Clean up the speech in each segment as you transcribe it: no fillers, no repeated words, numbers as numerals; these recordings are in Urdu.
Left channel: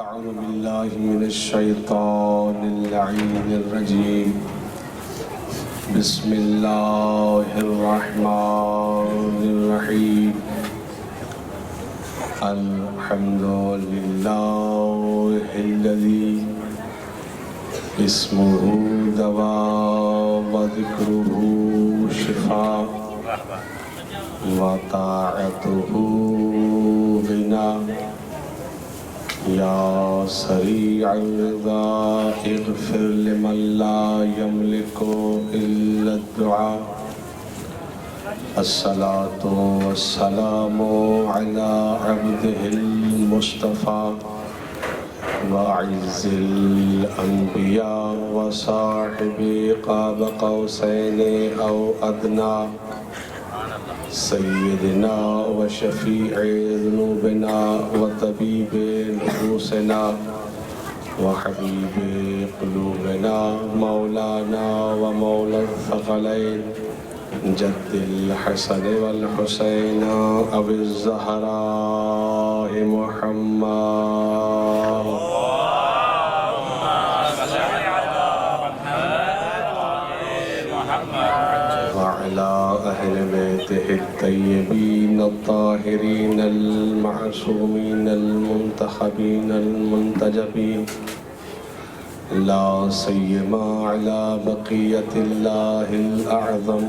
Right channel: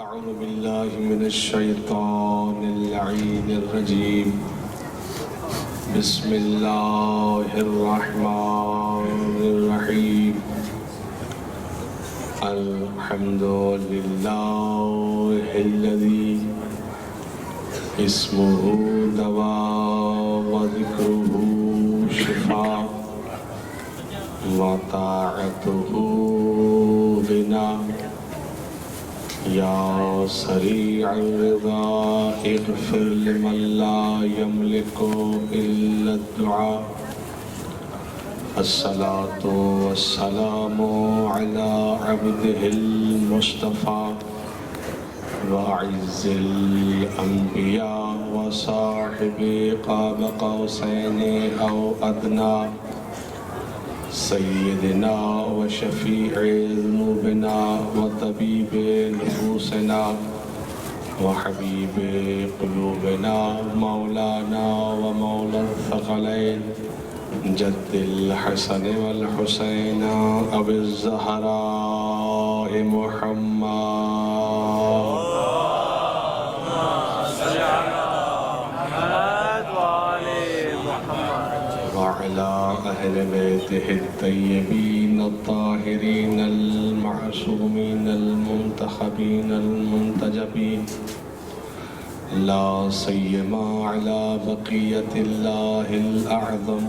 أعوذ بالله من الشيطان اللعين الرجيم بسم الله الرحمن الرحيم الحمد لله الذي اسمه دواء وذكره شفاء وطاعته غنى يا سريع الرضا اغفر لمن لا يملك إلا الدعاء الصلاة والسلام على عبده المصطفى وعز الأنبياء وصاحب قاب قوسين أو أدنى سيدنا وشفيع ذنوبنا وطبيب نفوسنا وحبيب قلوبنا مولانا ومولى الثقلين جد الحسن والحسين أبي الزهراء محمد وعلى أهل بيته الطيبين الطاهرين المعصومين المنتخبين المنتجبين لا سيما على بقية الله الأعظم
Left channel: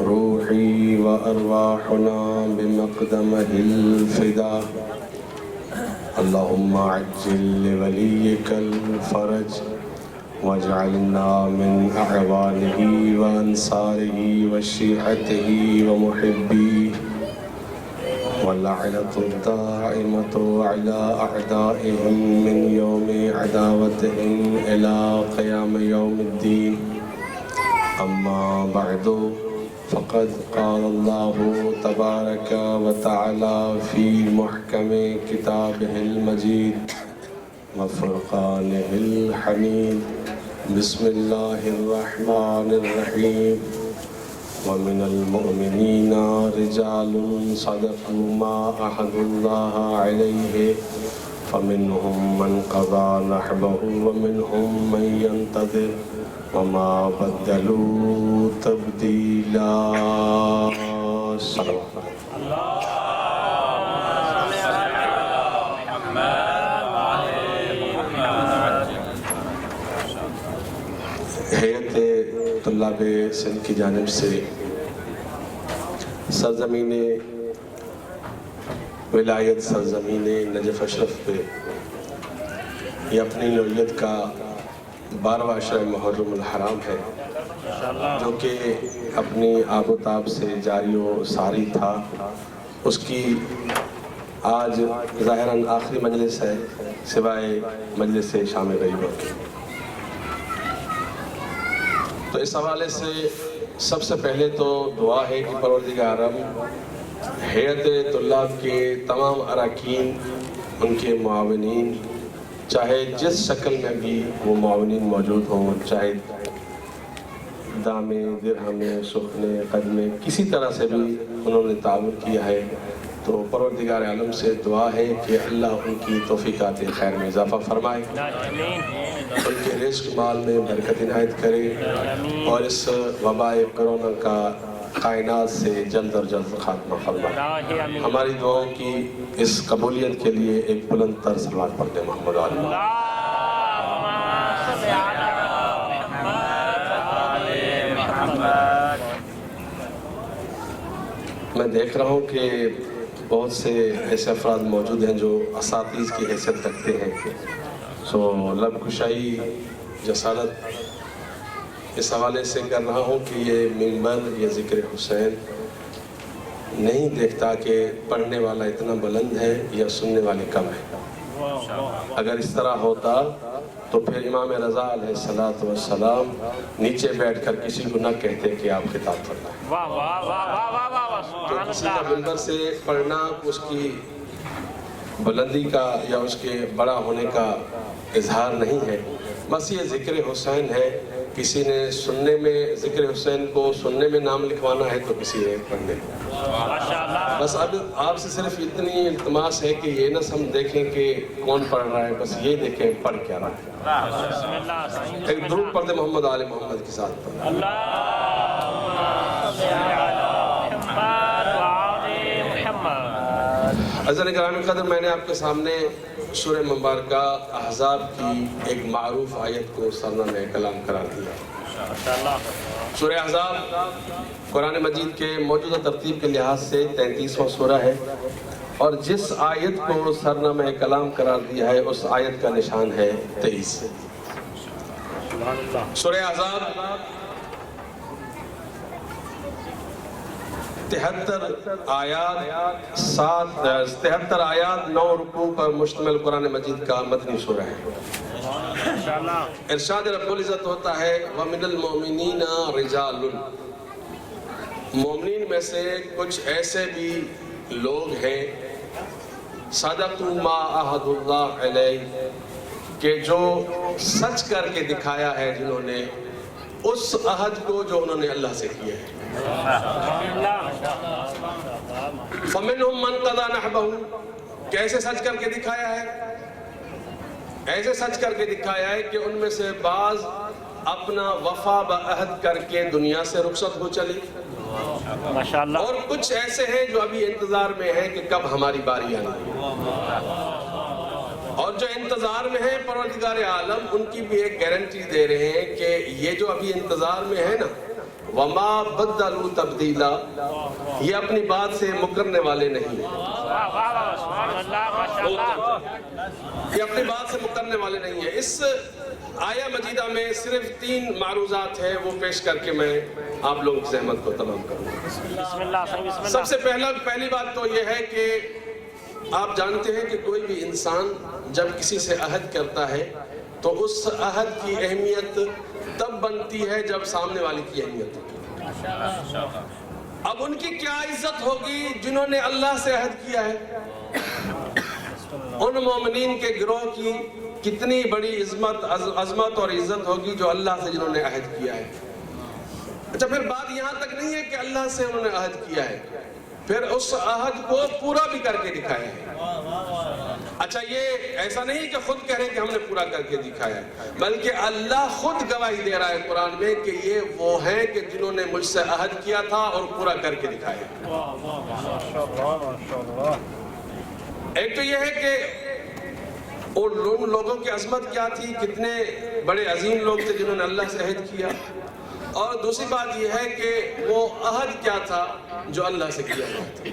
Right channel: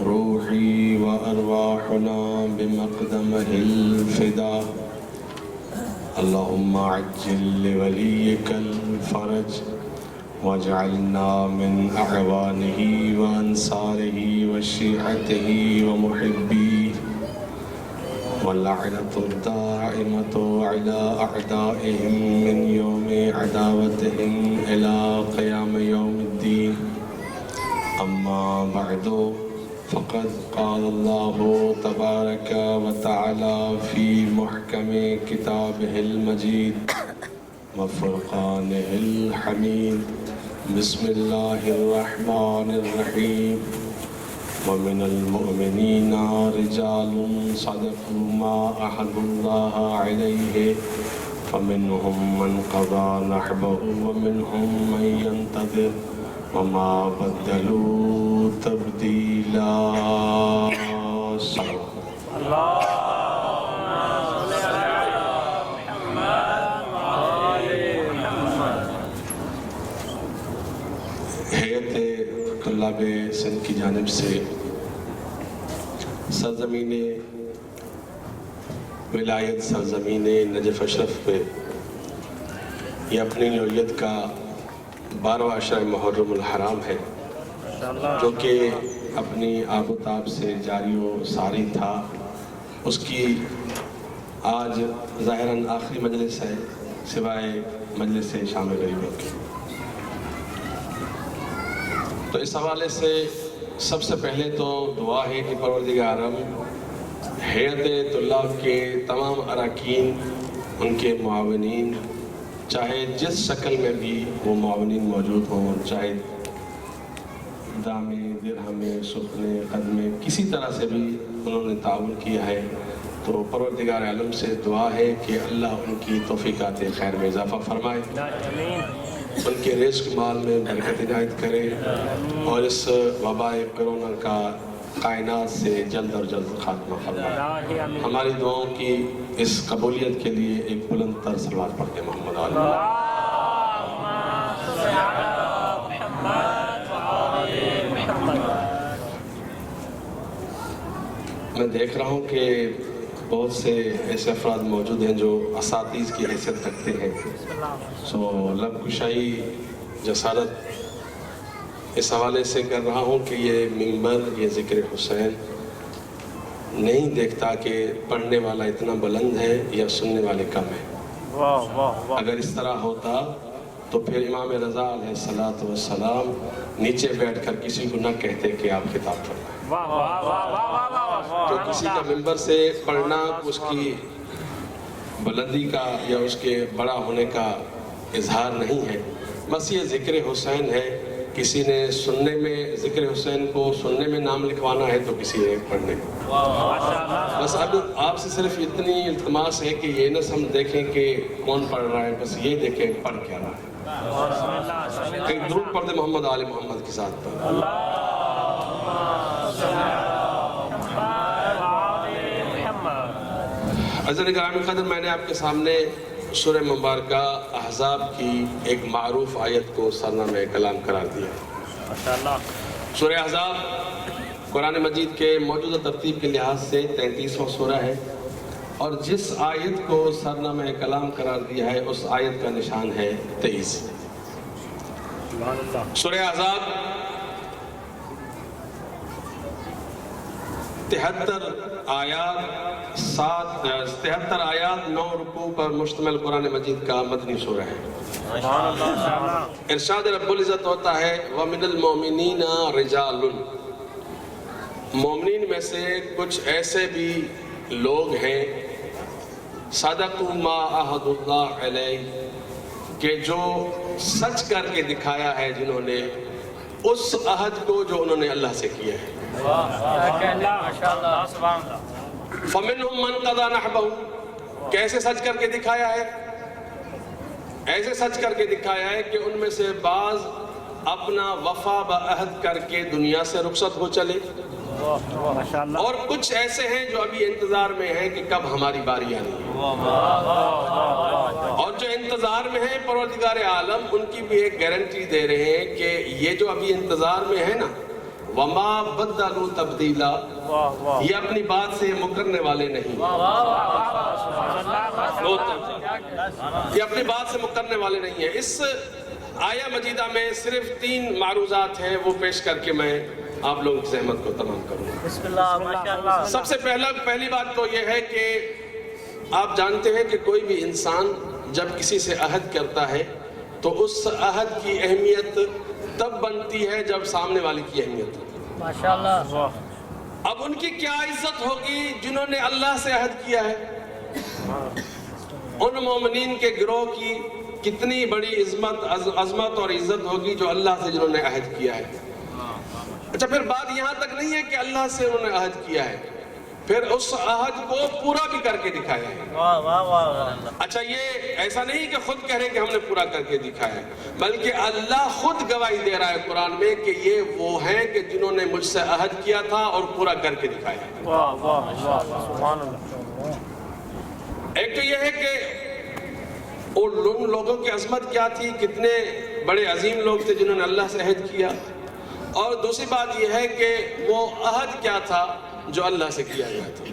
روحي وأرواحنا بمقدمه الفداء اللهم عجل لوليك الفرج واجعلنا من أعوانه وأنصاره وشيعته ومحبيه واللعنة الدائمة على أعدائهم من يوم عداوتهم إلى قيام يوم الدين أما بعد فقد قال الله تبارك وتعالى في محكم كتابه المجيد وفرقانه الحميد بسم الله الرحمن الرحيم ومن المؤمنين رجال صدقوا ما عاهدوا الله عليه فمنهم من قضى نحبه ومنهم من ينتظر وما بدلوا تبديلا ہیئت طلاب سندھ کی جانب سے سرزمین ولایت سرزمین نجف اشرف پہ یہ اپنی نوعیت کا 12واں عشرہ محرم الحرام ہے جو کہ اپنی آب و تاب سے جاری و ساری تھا اس کی آج ظاہراً آخری مجلس ہے سوائے مجلس شام غریبوں کی تو اس حوالے سے سب سے پہلے تو دعا ہے کہ پروردگارم ہیئت طلاب کے تمام اراکین ان کے معاونین چاہے جس شکل میں بھی وہ معاونین موجود ہوں چاہے دامے درہمے سخنے قدمے کسی طرح سے بھی انہوں نے تعاون کیا ہے تو پروردگار عالم سے دعا ہے کہ اللہ ان کی توفیقات خیر میں اضافہ فرمائے ان کے رزق مال میں برکت عنایت کرے اور اس وباء کرونا کا کائنات سے جلد اور جلد خاتمہ فرمائے ہماری دعاؤں کی اس قبولیت کے لیے ایک بلند تر صلوات پڑھتے ہیں محمد علیہ میں دیکھ رہا ہوں کہ بہت سے ایسے افراد موجود ہیں جو اساتذ کی حیثیت رکھتے ہیں سو لب کشائی جسارت اس حوالے سے کر رہا ہوں کہ یہ منبر یہ ذکر حسین نہیں دیکھتا کہ پڑھنے والا اتنا بلند ہے یا سننے والے کم ہیں اگر اس طرح ہوتا تو پھر امام رضا علیہ السلام نیچے بیٹھ کر کسی کو نہ کہتے کہ آپ خطاب پڑھنا ہے تو کسی کا منبر سے پڑھنا اس کی بلندی کا یا اس کے بڑا ہونے کا اظہار نہیں ہے بس یہ ذکر حسین ہے کسی نے سننے میں ذکر حسین کو سننے میں نام لکھوانا ہے تو کسی نے پڑھنے. بس اب آپ سے صرف اتنی التماس ہے کہ یہ نہ ہم دیکھیں کہ کون پڑھ رہا ہے، بس یہ دیکھیں پڑھ کیا رہا ہے. ایک درود پڑھ دیں محمد آل محمد کے ساتھ. عزیزان گرامی قدر، میں نے آپ کے سامنے سورہ مبارکہ احزاب کی ایک معروف آیت کو سرنامہ کلام قرار دیا. سورہ احزاب قرآن مجید کے موجودہ ترتیب کے لحاظ سے 33واں سورہ ہے، اور جس آیت کو سرنامہ کلام قرار دیا ہے اس آیت کا نشان ہے 23. سورہ احزاب 73 آیات 9 رکوع پر مشتمل قرآن مجید کا مدنی سورہ ہے. ارشاد رب العزت ہوتا ہے وَمِنَ الْمُؤْمِنِينَ رِجَالٌ، مومنین میں سے کچھ ایسے بھی لوگ ہیں صدقوا ما عَهَدُ اللَّهِ عَلَيْهِ، کہ جو سچ کر کے دکھایا ہے جنہوں نے اس عہد کو جو انہوں نے اللہ سے کیا ہے. فَمِنْهُمْ مَنْ قَضَى نَحْبَهُ، کیسے سچ کر کے دکھایا ہے؟ ایسے سچ کر کے دکھایا ہے کہ ان میں سے بعض اپنا وفا بعہد کر کے دنیا سے رخصت ہو چلے، اور کچھ ایسے ہیں جو ابھی انتظار میں ہیں کہ کب ہماری باری آنی ہے. اور جو انتظار میں ہیں پروردگار عالم ان کی بھی ایک گارنٹی دے رہے ہیں کہ یہ جو ابھی انتظار میں ہے نا، وما بدلوا تبدیلا، یہ اپنی بات سے مکرنے والے نہیں، یہ اپنی بات سے مکرنے والے نہیں ہیں. اس آیہ مجیدہ میں صرف 3 معروضات ہیں، وہ پیش کر کے میں آپ لوگوں کی زحمت کو تمام کروں. سب سے پہلی بات تو یہ ہے کہ آپ جانتے ہیں کہ کوئی بھی انسان جب کسی سے عہد کرتا ہے تو اس عہد کی اہمیت تب بنتی ہے جب سامنے والے کی اہمیت ہوگی. اب ان کی کیا عزت ہوگی جنہوں نے اللہ سے عہد کیا ہے؟ ان مومنین کے گروہ کی کتنی بڑی عظمت اور عزت ہوگی جو اللہ سے جنہوں نے عہد کیا ہے. اچھا، پھر بات یہاں تک نہیں ہے کہ اللہ سے انہوں نے عہد کیا ہے، پھر اس عہد کو پورا بھی کر کے دکھایا ہے. اچھا، یہ ایسا نہیں کہ خود کہہ رہے کہ ہم نے پورا کر کے دکھایا ہے، بلکہ اللہ خود گواہی دے رہا ہے قرآن میں کہ یہ وہ ہیں کہ جنہوں نے مجھ سے عہد کیا تھا اور پورا کر کے دکھایا ہے. ایک تو یہ ہے کہ ان لوگوں کی عظمت کیا تھی، کتنے بڑے عظیم لوگ تھے جنہوں نے اللہ سے عہد کیا، اور دوسری بات یہ ہے کہ وہ عہد کیا تھا جو اللہ سے کیا گیا تھا.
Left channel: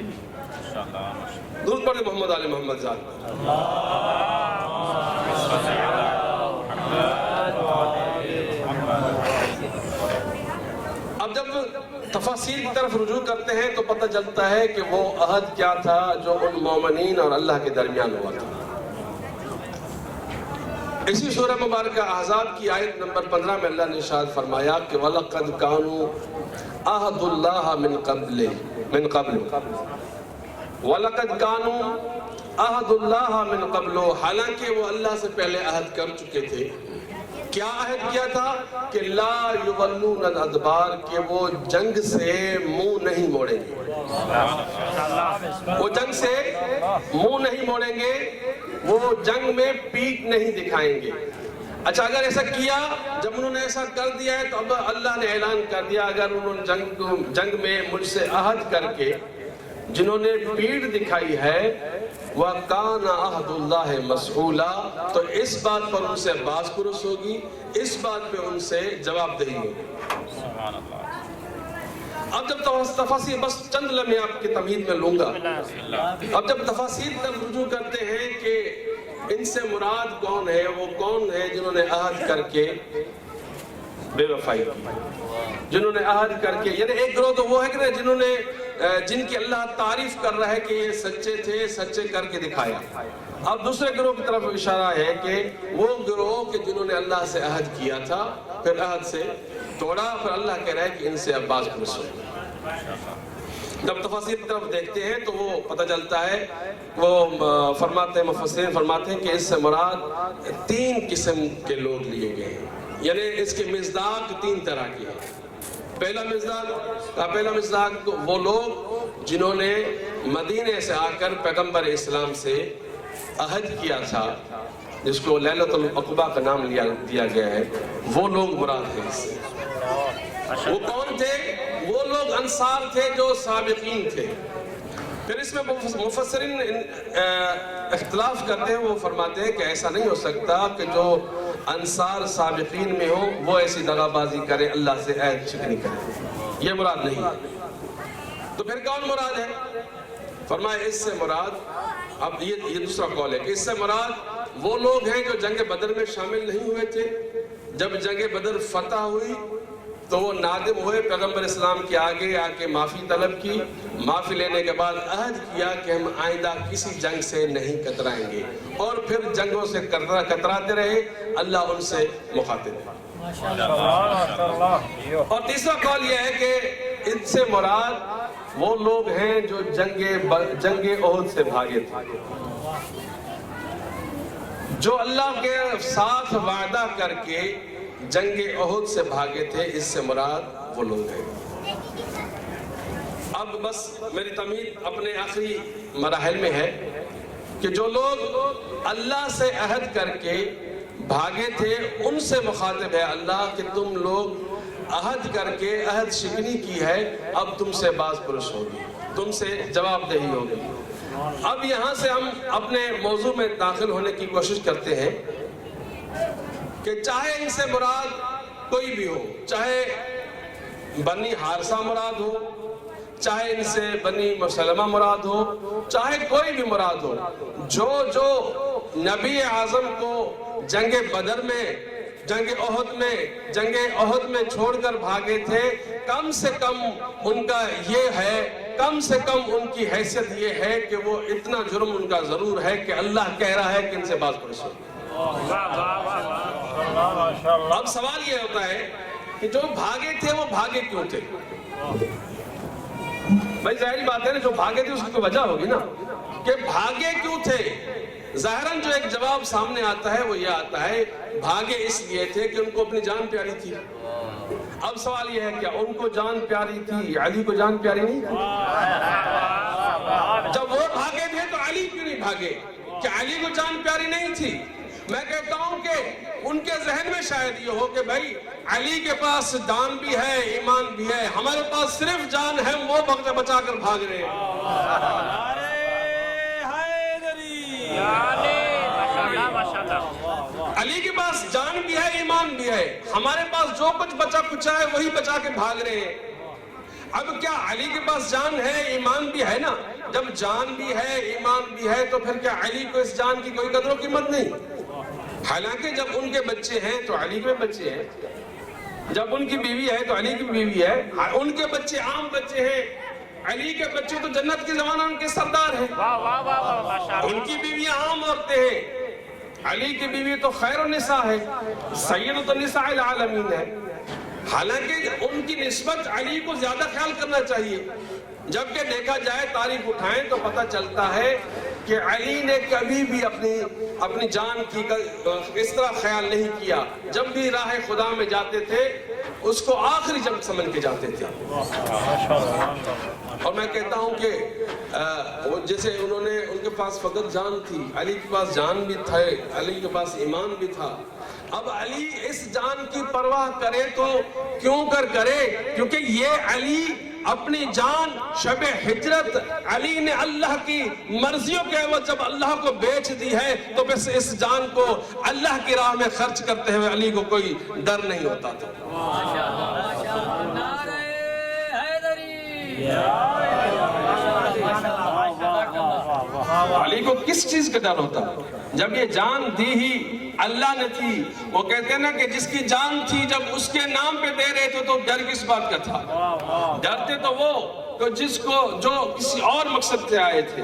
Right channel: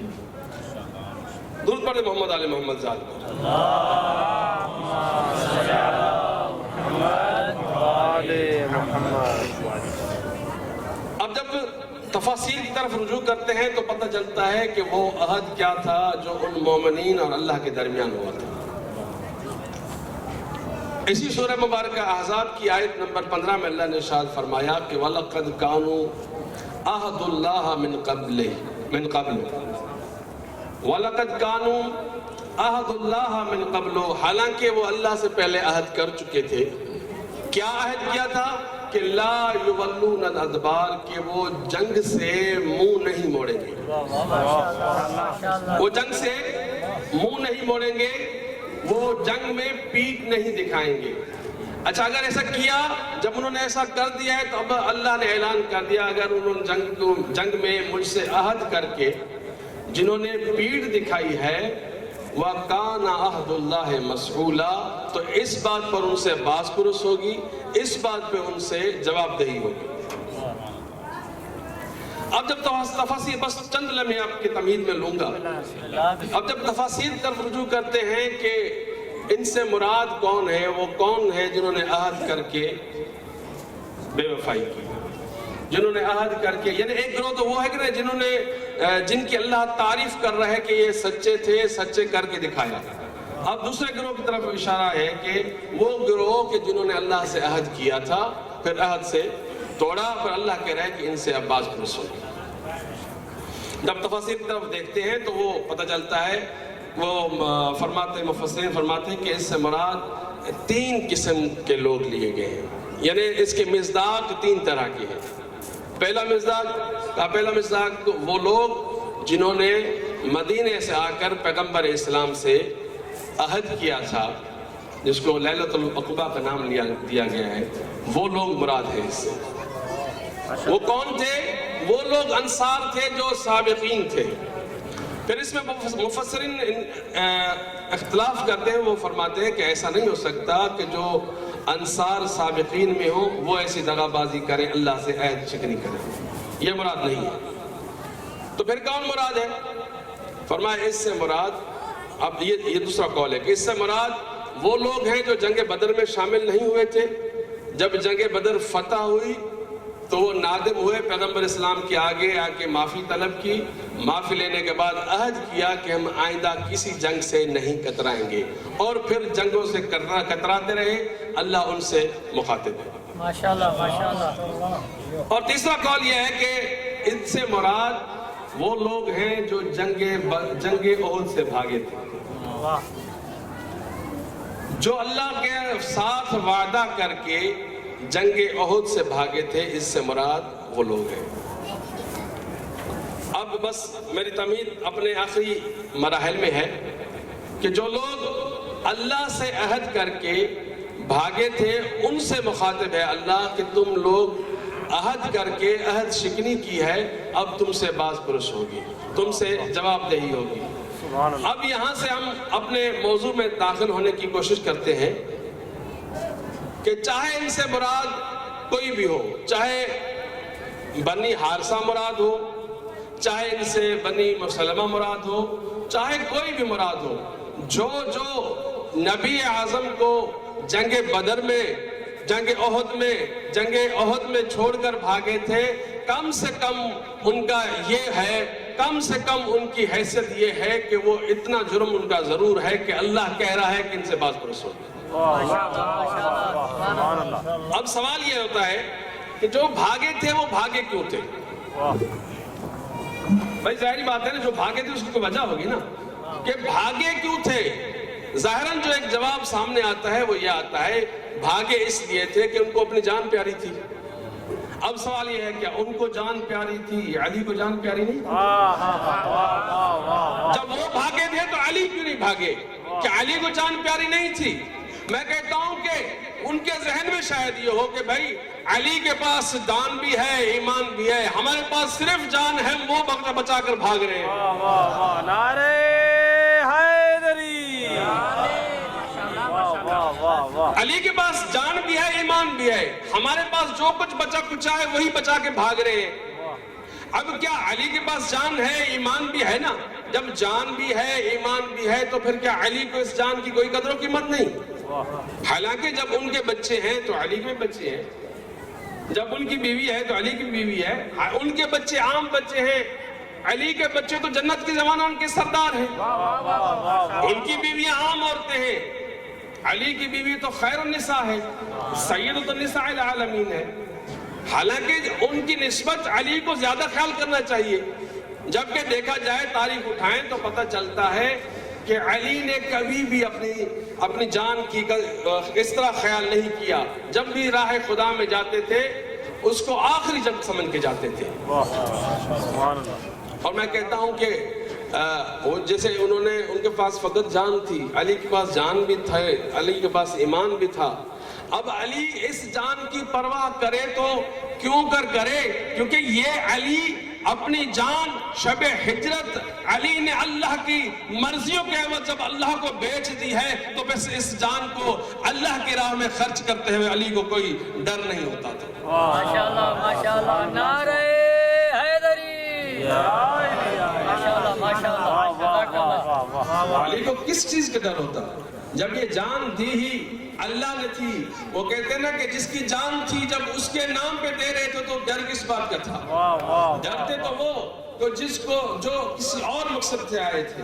درود پڑھیں محمد آل محمد ذات پر. اب جب تفاصیل کی طرف رجوع کرتے ہیں تو پتہ چلتا ہے کہ وہ عہد کیا تھا جو ان مومنین اور اللہ کے درمیان ہوا تھا. اسی سورہ مبارکہ احزاب کی آیت نمبر 15 میں اللہ نے ارشاد فرمایا کہ وَلَقَدْ كَانُوا عَهْدُ اللَّهَ مِن قَبْلُ وَلَقَدْ كَانُوا عَهْدُ اللَّهَ مِن قَبْلُ، حالانکہ وہ اللہ سے پہلے عہد کر چکے تھے. کیا عہد کیا تھا؟ کہ لا يُوَلُّونَ الْأَدْبَارَ، کہ وہ جنگ سے منہ نہیں موڑیں گے. وہ جنگ سے منہ نہیں موڑیں گے، وہ جنگ میں پیٹھ نہیں دکھائیں گے. اچھا، اگر ایسا کیا، جب انہوں نے ایسا کر دیا ہے تو اب اللہ نے اعلان کر دیا اگر انہوں نے جنگ میں مجھ سے عہد کر کے جنہوں نے پیٹھ دکھائی ہے وَقَانَ عَهْدُ اللَّهِ مَسْئُولًا، تو اس بات پر ان سے باز پرس ہوگی، اس بات پہ ان سے جواب دہی ہوگی. اب جب تفاصیل، بس چند لمحے آپ کی تمہید میں لوں گا، اب جب تفاصیل طرف رجوع کرتے ہیں کہ ان سے مراد کون ہے، وہ کون ہے جنہوں نے عہد کر کے بے وفائی کی، جنہوں نے عہد کر کے، یعنی ایک گروہ تو وہ ہے کہ جنہوں نے جن کی اللہ تعریف کر رہا ہے کہ یہ سچے تھے، سچے کر کے دکھایا. اب دوسرے گروہ کی طرف اشارہ ہے کہ وہ گروہ کہ جنہوں نے اللہ سے عہد کیا تھا، پھر عہد سے توڑا، پھر اللہ کہہ رہا ہے کہ ان سے اب باز پرس ہو. جب تفاصیل کی طرف دیکھتے ہیں تو وہ پتہ چلتا ہے، وہ فرماتے ہیں، مفسرین فرماتے ہیں کہ اس سے مراد 3 قسم کے لوگ لیے گئے ہیں. یعنی اس کے مصداق 3 طرح کی ہیں۔ پہلا مصداق وہ لوگ جنہوں نے مدینے سے آ کر پیغمبر اسلام سے عہد کیا تھا، جس کو لیلۃ العقبہ کا نام دیا گیا ہے، وہ لوگ مراد ہیں اس سے۔ وہ کون تھے؟ وہ لوگ انصار تھے جو سابقین تھے۔ پھر اس میں مفسرین اختلاف کرتے ہیں، وہ فرماتے ہیں کہ ایسا نہیں ہو سکتا کہ جو انصار سابقین میں ہو وہ ایسی دغا بازی کرے، اللہ سے عہد شکنی کرے، یہ مراد نہیں ہے۔ تو پھر کون مراد ہے؟ فرمایا اس سے مراد، اب یہ دوسرا قول ہے کہ اس سے مراد وہ لوگ ہیں جو جنگ بدر میں شامل نہیں ہوئے تھے۔ جب جنگ بدر فتح ہوئی تو وہ نادم ہوئے، پیغمبر اسلام کے آگے آ کے معافی طلب کی، معافی لینے کے بعد عہد کیا کہ ہم آئندہ کسی جنگ سے نہیں کترائیں گے، اور پھر جنگوں سے کتراتے رہے، اللہ ان سے مخاطب ہے۔ اور تیسرا قول یہ ہے کہ ان سے مراد وہ لوگ ہیں جو جنگ احد سے بھاگے تھے، جو اللہ کے ساتھ وعدہ کر کے جنگ احد سے بھاگے تھے، اس سے مراد وہ لوگ ہیں۔ اب بس میری تمہید اپنے آخری مراحل میں ہے کہ جو لوگ اللہ سے عہد کر کے بھاگے تھے ان سے مخاطب ہے اللہ کہ تم لوگ عہد کر کے عہد شکنی کی ہے، اب تم سے باز پرس ہوگی، تم سے جواب دہی ہوگی۔ اب یہاں سے ہم اپنے موضوع میں داخل ہونے کی کوشش کرتے ہیں کہ چاہے ان سے مراد کوئی بھی ہو، چاہے بنی حارثہ مراد ہو، چاہے ان سے بنی مسلمہ مراد ہو، چاہے کوئی بھی مراد ہو، جو نبی اعظم کو جنگ بدر میں، جنگ احد میں چھوڑ کر بھاگے تھے، کم سے کم ان کا یہ ہے، کم سے کم ان کی حیثیت یہ ہے کہ وہ اتنا جرم ان کا ضرور ہے کہ اللہ کہہ رہا ہے کہ ان سے باز پرس ہو۔ اب سوال یہ ہوتا ہے کہ جو بھاگے تھے وہ بھاگے کیوں تھے؟ بھائی ظاہری بات ہے نا، جو بھاگے تھے اس کی کوئی وجہ ہوگی نا، کہ بھاگے کیوں تھے؟ ظاہراً جو ایک جواب سامنے آتا ہے وہ یہ آتا ہے بھاگے اس لیے تھے کہ ان کو اپنی جان پیاری تھی۔ اب سوال یہ ہے کیا ان کو جان پیاری تھی، علی کو جان پیاری نہیں؟ جب وہ بھاگے تھے تو علی کیوں نہیں بھاگے؟ کہ علی کو جان پیاری نہیں تھی؟ میں کہتا ہوں کہ ان کے ذہن میں شاید یہ ہو کہ بھائی علی کے پاس جان بھی ہے، ایمان بھی ہے، ہمارے پاس صرف جان ہے، وہ وقت بچا کر بھاگ رہے ہیں۔ نعرہ حیدری، علی کے پاس جان بھی ہے، ایمان بھی ہے، ہمارے پاس جو کچھ بچا کچا ہے وہی بچا کے بھاگ رہے ہیں۔ اب کیا علی کے پاس جان ہے، ایمان بھی ہے نا؟ جب جان بھی ہے، ایمان بھی ہے، تو پھر کیا علی کو اس جان کی کوئی قدر و قیمت نہیں؟ حالانکہ جب ان کے بچے ہیں تو علی کے بچے ہیں، جب ان کی بیوی ہے تو علی کی بیوی ہے، ان کے بچے عام بچے ہیں، علی کے بچے تو جنت کے زمانہ ان کے سردار ہیں، ان کی بیویاں عام عورتیں ہیں، علی کی بیوی تو خیر النساء ہے، سید النساء العالمین ہے۔ حالانکہ ان کی نسبت علی کو زیادہ خیال کرنا چاہیے، جبکہ دیکھا جائے تاریخ اٹھائیں تو پتہ چلتا ہے کہ علی نے کبھی بھی اپنی جان کی اس طرح خیال نہیں کیا۔ جب بھی راہ خدا میں جاتے تھے اس کو آخری جنگ سمجھ کے جاتے تھے۔ اور میں کہتا ہوں کہ جیسے ان کے پاس فقط جان تھی، علی کے پاس جان بھی تھا، علی کے پاس ایمان بھی تھا۔ اب علی اس جان کی پرواہ کرے تو کیوں کرے؟ کیونکہ یہ علی اپنی جان شب ہجرت علی نے اللہ کی مرضیوں کے عوض جب اللہ کو بیچ دی ہے تو بس اس جان کو اللہ کی راہ میں خرچ کرتے ہوئے علی کو کوئی ڈر نہیں ہوتا تھا۔ ماشاءاللہ ماشاءاللہ، نعرہ حیدری، علی کو کس چیز کا ڈر ہوتا؟ جب یہ جان دی ہی اللہ نے تھی۔ وہ کہتے ہیں نا کہ جس کی جان تھی جب اس کے نام پہ دے رہے تھے تو ڈر کس بات کا تھا؟ ڈرتے تو وہ جو کسی اور مقصد سے آئے تھے۔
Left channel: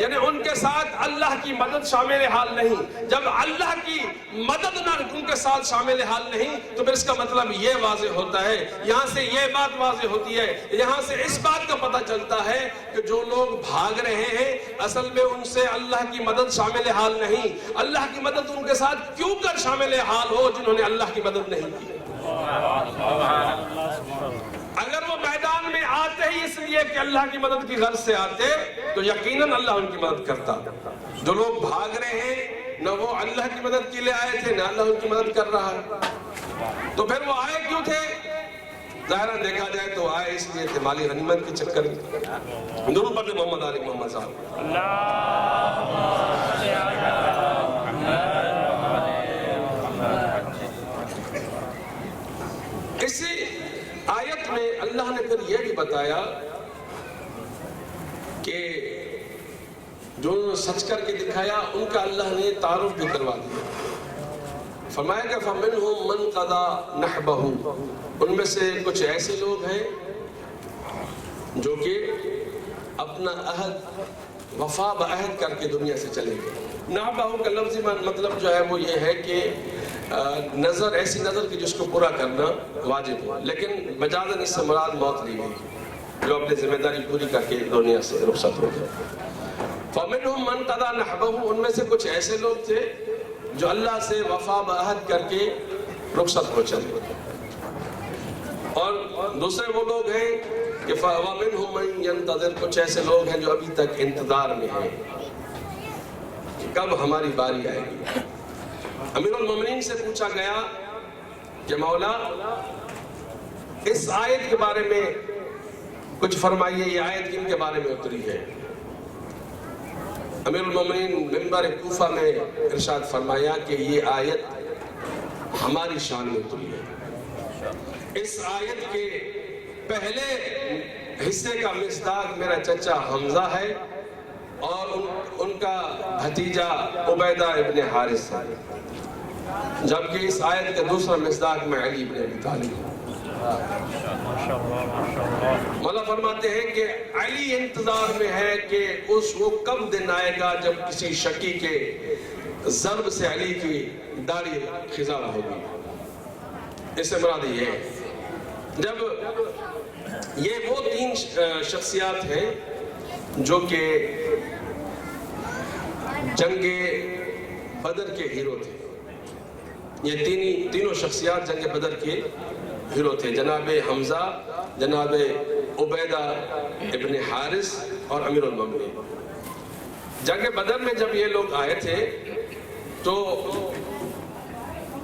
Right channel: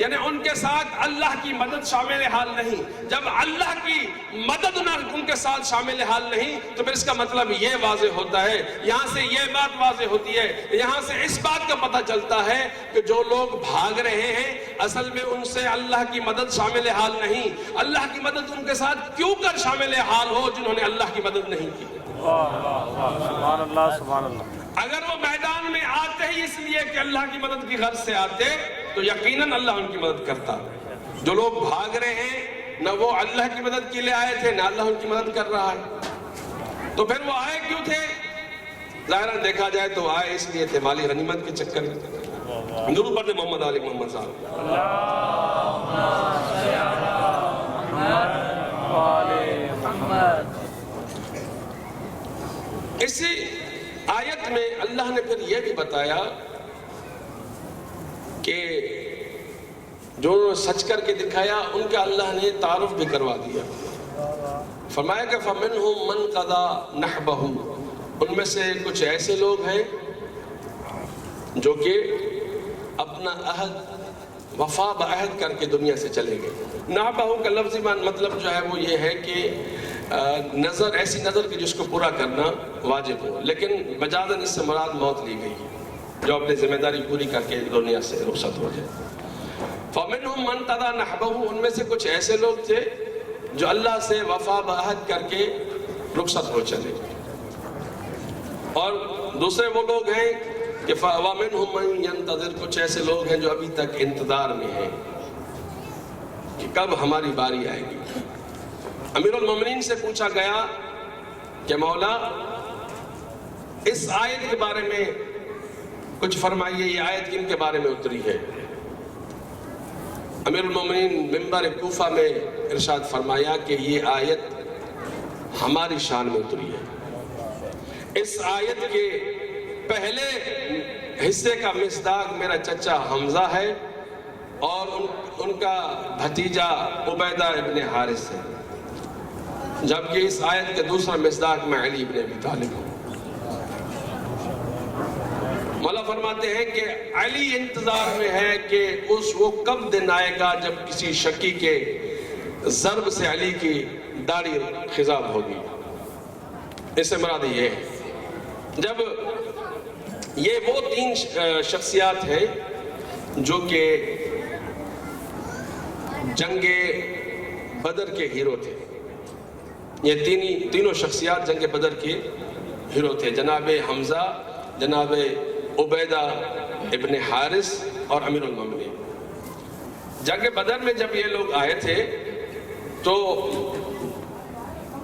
یعنی ان کے ساتھ اللہ کی مدد شامل حال نہیں. جب اللہ کی مدد نہ ان کے ساتھ شامل حال نہیں تو پھر اس کا مطلب یہ واضح ہوتا ہے, یہاں سے یہ بات واضح ہوتی ہے, یہاں سے اس بات کا پتہ چلتا ہے کہ جو لوگ بھاگ رہے ہیں اصل میں ان سے اللہ کی مدد شامل حال نہیں. اللہ کی مدد ان کے ساتھ کیوں کر شامل حال ہو جنہوں نے اللہ کی مدد نہیں کی. اگر وہ میدان میں آتے ہی اس لیے کہ اللہ کی مدد کی غرض سے آتے تو یقیناً اللہ ان کی مدد کرتا. جو لوگ بھاگ رہے ہیں نہ وہ اللہ کی مدد کے لیے آئے تھے نہ اللہ ان کی مدد کر رہا ہے, تو پھر وہ آئے کیوں تھے؟ ظاہراً دیکھا جائے تو آئے اس لیے تھے مالی غنیمت کے چکر میں. درود پڑھتے محمد علی محمد صاحب. اسی آیت میں اللہ نے پھر یہ بھی بتایا کہ جو انہوں نے سچ کر کے دکھایا ان کا اللہ نے تعارف بھی کروا دیا. فرمایا کہ فَمِنْهُمْ مَنْ قَضَى نَحْبَهُ, ان میں سے کچھ ایسے لوگ ہیں جو کہ اپنا عہد وفا بعہد کر کے دنیا سے چلے گئے. نحبہ کا لفظی مطلب جو ہے وہ یہ ہے کہ نظر, ایسی نظر کہ جس کو پورا کرنا واجب ہو, لیکن مجازاً اس سے مراد موت لی گئی جو اپنی ذمہ داری پوری کر کے دنیا سے رخصت ہو جائے. فَمِنْهُمْ مَنْ قَضَى نَحْبَهُ, ان میں سے کچھ ایسے لوگ تھے جو اللہ سے وفا بعہد کر کے رخصت ہو چلے. اور دوسرے وہ لوگ ہیں کہ وَمِنْهُمْ مَنْ يَنْتَظِرُ, کچھ ایسے لوگ ہیں جو ابھی تک انتظار میں ہیں کہ کب ہماری باری آئے گی. امیر المومنین سے پوچھا گیا کہ مولا اس آیت کے بارے میں کچھ فرمائیے, یہ آیت کن کے بارے میں اتری ہے؟ امیر المومنین منبر کوفہ میں ارشاد فرمایا کہ یہ آیت ہماری شان میں اتری ہے. اس آیت کے پہلے حصے کا مصداق میرا چچا حمزہ ہے اور ان کا بھتیجا عبیدہ ابن حارث ہے, جبکہ اس آیت کے دوسرا مصداق میں علی ابن ابی طالب ہے. مولا فرماتے ہیں کہ علی انتظار میں ہے کہ وہ کب دن آئے گا جب کسی شکی کے ضرب سے علی کی داڑھی خضاب ہوگی. اس سے مراد یہ ہے جب یہ وہ تین شخصیات ہیں جو کہ جنگ بدر کے ہیرو تھے. یہ تینوں شخصیات جنگ بدر کے ہیرو تھے, جناب حمزہ, جناب عبیدہ ابن حارث اور امیر المومنین. جنگ بدر میں جب یہ لوگ آئے تھے تو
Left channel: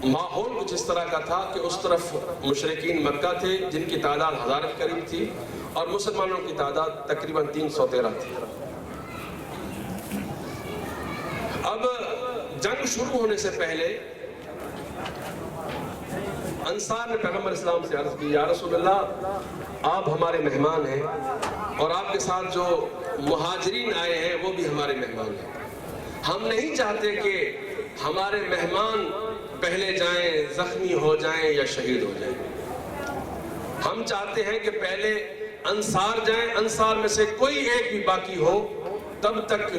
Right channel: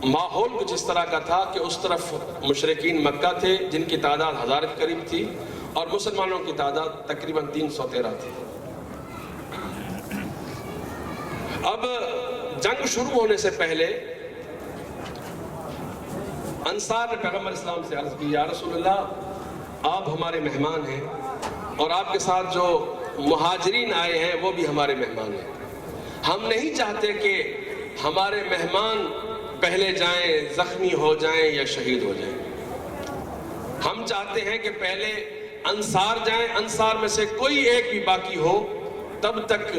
ماحول کچھ اس طرح کا تھا کہ اس طرف مشرکین مکہ تھے جن کی تعداد 1000 کے قریب تھی اور مسلمانوں کی تعداد تقریباً 313 تھی. اب جنگ شروع ہونے سے پہلے انصار نے پیغمبر اسلام سے عرض کی, یا رسول اللہ آپ ہمارے مہمان ہیں اور آپ کے ساتھ جو مہاجرین آئے ہیں وہ بھی ہمارے مہمان ہیں. ہم نہیں چاہتے کہ ہمارے مہمان پہلے جائیں, زخمی ہو جائیں یا شہید ہو جائیں. ہم چاہتے ہیں کہ پہلے انصار جائیں, انصار میں سے کوئی ایک بھی باقی ہو تب تک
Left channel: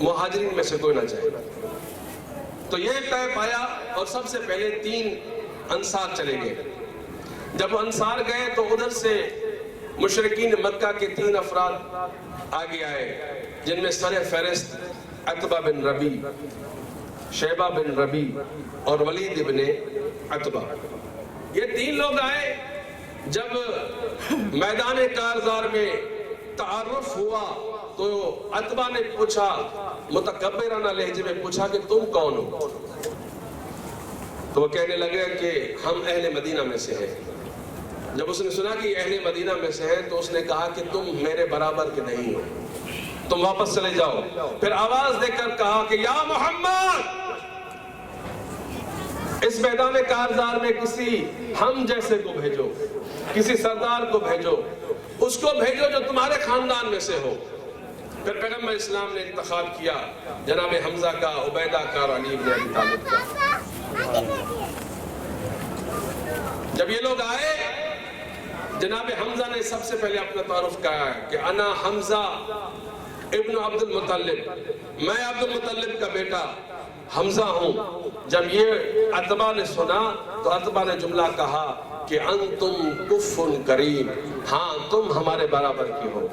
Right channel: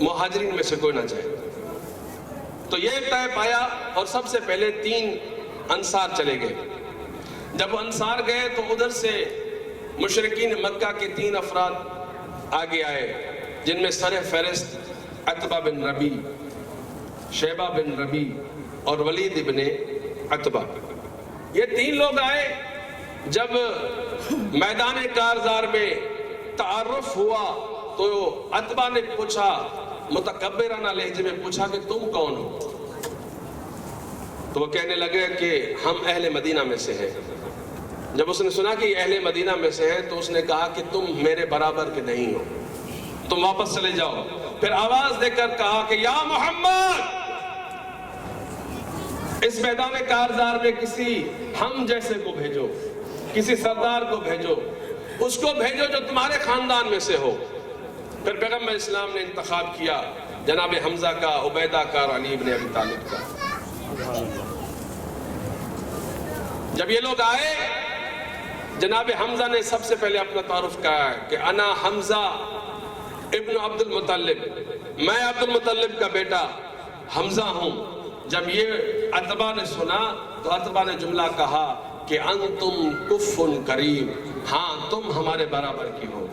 مہاجرین میں سے کوئی نہ جائے. تو یہ طے پایا اور سب سے پہلے 3 انصار چلے گئے. جب انصار گئے تو ادھر سے مشرکین مکہ کے 3 افراد آگے آئے جن میں سر فہرست عتبہ بن ربی, شیبہ بن ربی اور ولید ابن عتبہ. یہ 3 لوگ آئے. جب میدان کارزار میں تعارف ہوا تو عتبہ نے پوچھا, متکبرانہ لہجے میں پوچھا کہ تم کون ہو؟ تو وہ کہنے لگے کہ ہم اہل مدینہ میں سے ہیں. جب اس نے سنا کہ یہ اہل مدینہ میں سے ہے تو اس نے کہا کہ تم میرے برابر کے نہیں ہو, تم واپس چلے جاؤ. پھر آواز دے کر کہا کہ یا محمد, اس میدان کارزار میں کسی ہم جیسے کو بھیجو, کسی سردار کو بھیجو, اس کو بھیجو جو تمہارے خاندان میں سے ہو. پھر پیغمبر اسلام نے انتخاب کیا جناب حمزہ کا, عبیدہ کا اور علی ابن ابی طالب کا. جب یہ لوگ آئے جناب حمزہ نے سب سے پہلے اپنا تعارف کہا کہ انا حمزہ ابن عبد المطلب، میں عبد المطلب کا بیٹا حمزہ ہوں۔ جب یہ عتبہ نے سنا تو عتبہ نے جملہ کہا کہ انتم کف کریم، ہاں تم ہمارے برابر کی ہو،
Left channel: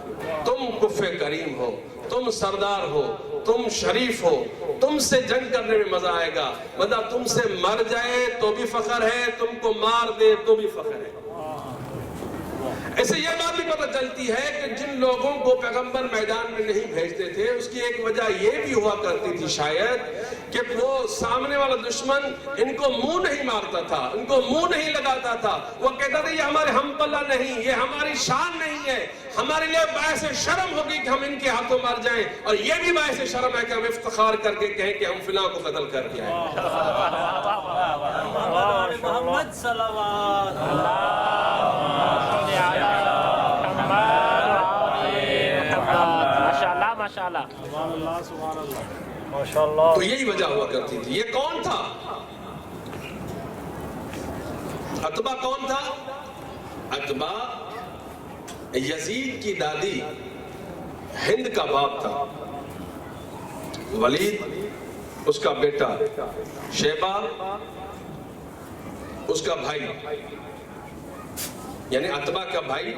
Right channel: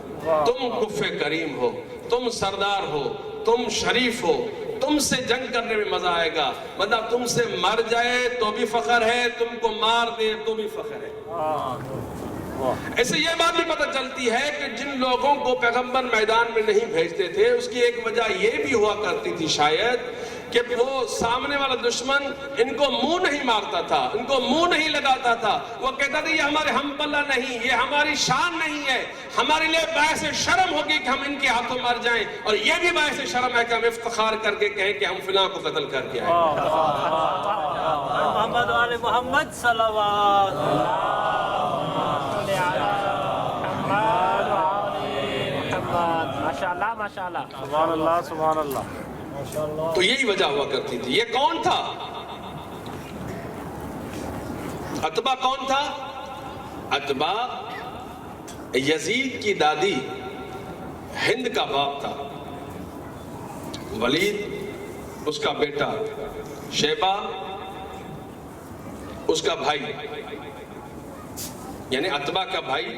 تم کف کریم ہو، تم سردار ہو، تم شریف ہو، تم سے جنگ کرنے میں مزہ آئے گا، مطلب تم سے مر جائے تو بھی فخر ہے، تم کو مار دے تو بھی فخر ہے۔ ایسے یہ بات بھی پتہ چلتی ہے کہ جن لوگوں کو پیغمبر میدان میں نہیں بھیجتے تھے اس کی ایک وجہ یہ بھی ہوا کرتی تھی شاید کہ وہ سامنے والا دشمن ان کو منہ نہیں مارتا تھا، ان کو منہ نہیں لگاتا تھا، وہ کہتا تھا یہ ہمارے ہم پلہ نہیں، یہ ہماری شان نہیں ہے، ہمارے لیے باعث شرم ہوگی کہ ہم ان کے ہاتھوں مار جائیں، اور یہ بھی باعث شرم ہے کہ ہم افتخار کر کے کہیں کہ ہم فلاں کو قتل کر کے آئے۔ محمد والے محمد صلوات ماشاءاللہ ماشاءاللہ سبحان اللہ سبحان اللہ ماشاءاللہ۔ تو یہی وجہ ہوا کرتی تھی۔ یہ کون تھا؟ عتبہ کون تھا؟ عتبہ یزید کی دادی ہند کا باپ تھا، ولید اس کا بیٹا، شیبہ اس کا بھائی، یعنی عتبہ کا بھائی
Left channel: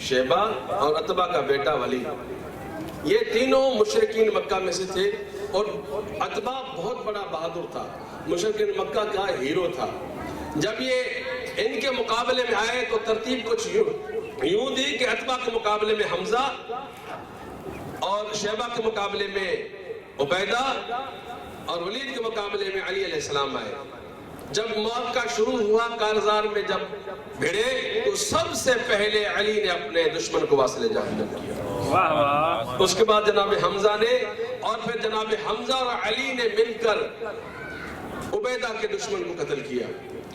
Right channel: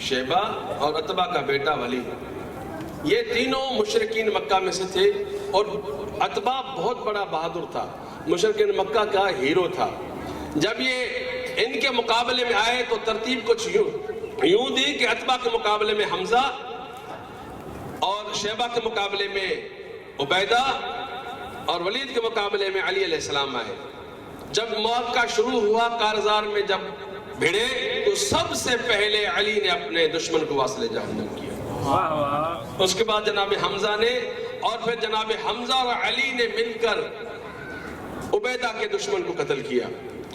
شیبہ اور عتبہ کا بیٹا ولید، یہ تینوں مشرکین مکہ میں سے تھے، اور عتبہ بہت بڑا بہادر تھا، مشرکین مکہ کا ہیرو تھا۔ جب یہ ان کے مقابلے میں آئے تو ترتیب کچھ یوں دی کہ عتبہ کے مقابلے میں حمزہ اور شیبہ کے مقابلے میں عبیدہ اور ولید کے مقابلے میں علی علیہ السلام آئے۔ جب معرکہ شروع ہوا کارزار میں جب بھیڑے تو سب سے پہلے علی نے اپنے دشمن کو واصل جہنم کیا، اس کے بعد جناب حمزہ نے، اور پھر جناب حمزہ اور علی نے مل کر عبیدہ کے دشمن کو قتل کیا،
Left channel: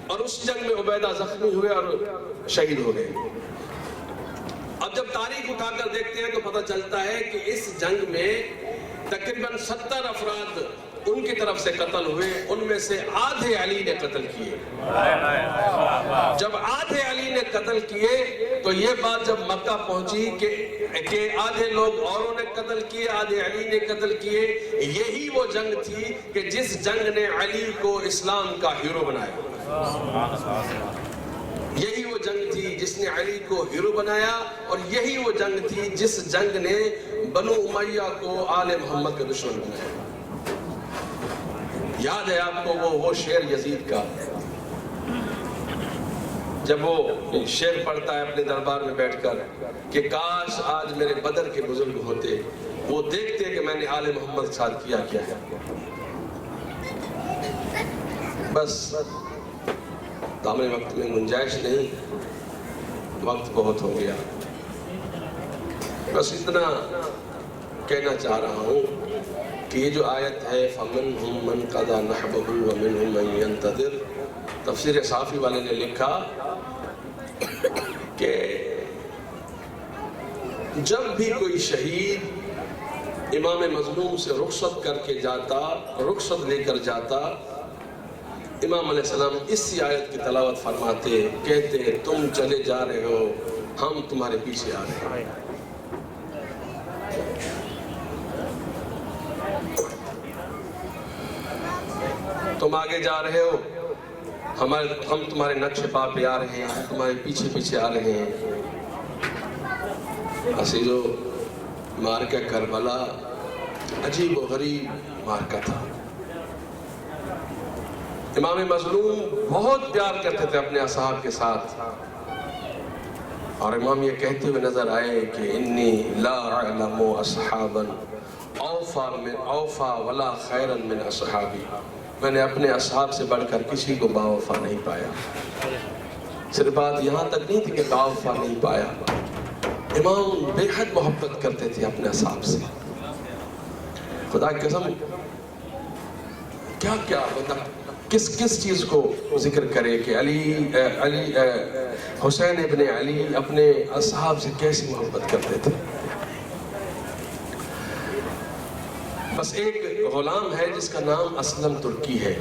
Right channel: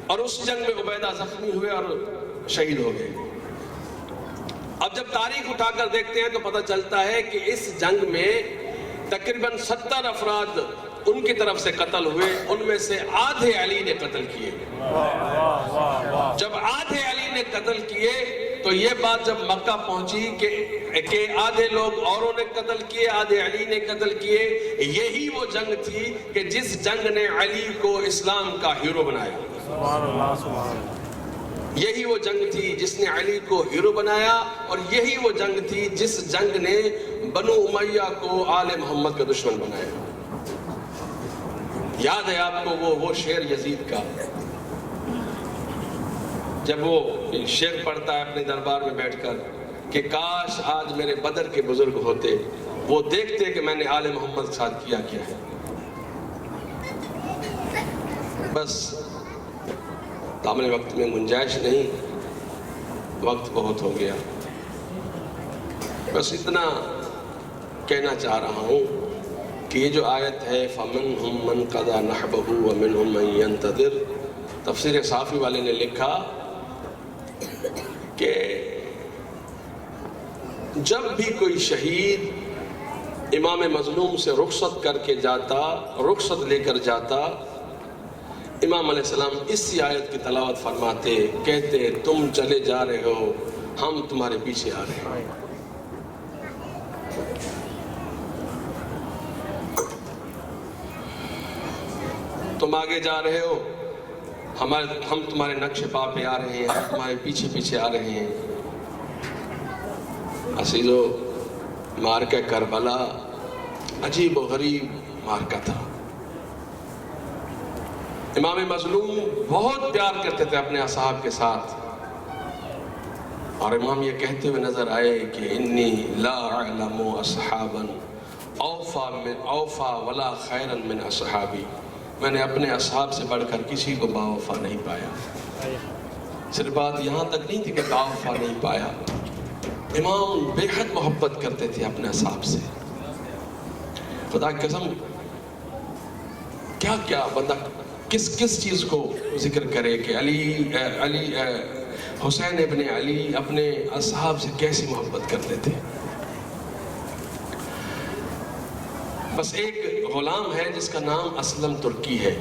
اور اس جنگ میں عبیدہ زخمی ہوئے اور شہید ہو گئے۔ اب جب تاریخ اٹھا کر دیکھتے ہیں تو پتہ چلتا ہے کہ اس جنگ میں تقریباً 70 افراد ان کی طرف سے قتل ہوئے، ان میں سے آدھے علی نے قتل کیے۔ جب آدھے علی نے قتل کیے تو یہ بات جب مکہ پہنچی کہ آدھے لوگ اوروں نے قتل کیے، آدھے علی نے قتل کیے، یہی وہ جنگ تھی کہ جس جنگ نے علی کو اسلام کا ہیرو بنایا، یہی وہ جنگ تھی جس نے علی کو ہیرو بنایا، اور یہی وہ جنگ تھی جس جنگ نے بنو امیہ کو آل محمد کا دشمن بنایا۔ یاد ہے آپ کو وہ شعر یزید کا، جب وہ شعر پڑھتا ہے اپنے دربار میں بیٹھ کر کہ کاش آج میرے بدر کے بزرگ ہوتے، وہ دیکھتے کہ میں نے آل محمد کے ساتھ کیا ہے۔ بس دامن وقت میں گنجائش نہیں، وقت بہت ہو گیا، بس اتنا کہنا چاہ رہا ہوں کہ یہ جو آیت ہے فَمِنْهُمْ مَنْ قَضَى نَحْبَهُ وَمِنْهُمْ مَنْ يَنْتَظِرُ، تفسیر صافی والے نے لکھا کہ جب بھی کوئی شہید امام مظلوم سے رخصت کر کے جاتا، رخصت لے کر جاتا، امام علیہ السلام اسی آیت کی تلاوت فرماتے، کہتے تم چلے جا رہے ہو، ہم تمہارے پیچھے آ رہے ہیں۔ تم آگے جا رہے ہو، ہم تمہارے نقش پا پہ آ رہے ہیں، ہم تمہارے پیچھے پیچھے آ رہے ہیں۔ عزیزو، مارکہ کربلا عجیب و غریب مارکہ تھا۔ امام مظلوم بہت پیار کرتے تھے اپنے اصحاب کے ساتھ، اور امام یہ کہتے ہوئے نظر آئے کہ انی لا اعلم اصحابا اوفا ولا خیرا من اصحابی، میں نے اپنے اصحاب سے بڑھ کر کسی کو باوفا نہیں پایا۔ صرف بات یہاں تک نہیں تھی کہ باوفا نہیں پایا، امام بے حد محبت کرتے تھے اپنے اصحاب سے۔ خدا کی قسم، کیا کیا بندہ کس چیز کو ذکر کرے کہ حسین ابن علی اپنے اصحاب سے کیسی محبت کرتے تھے۔ بس ایک غلام ہے جس کا نام اسلم ترکی ہے۔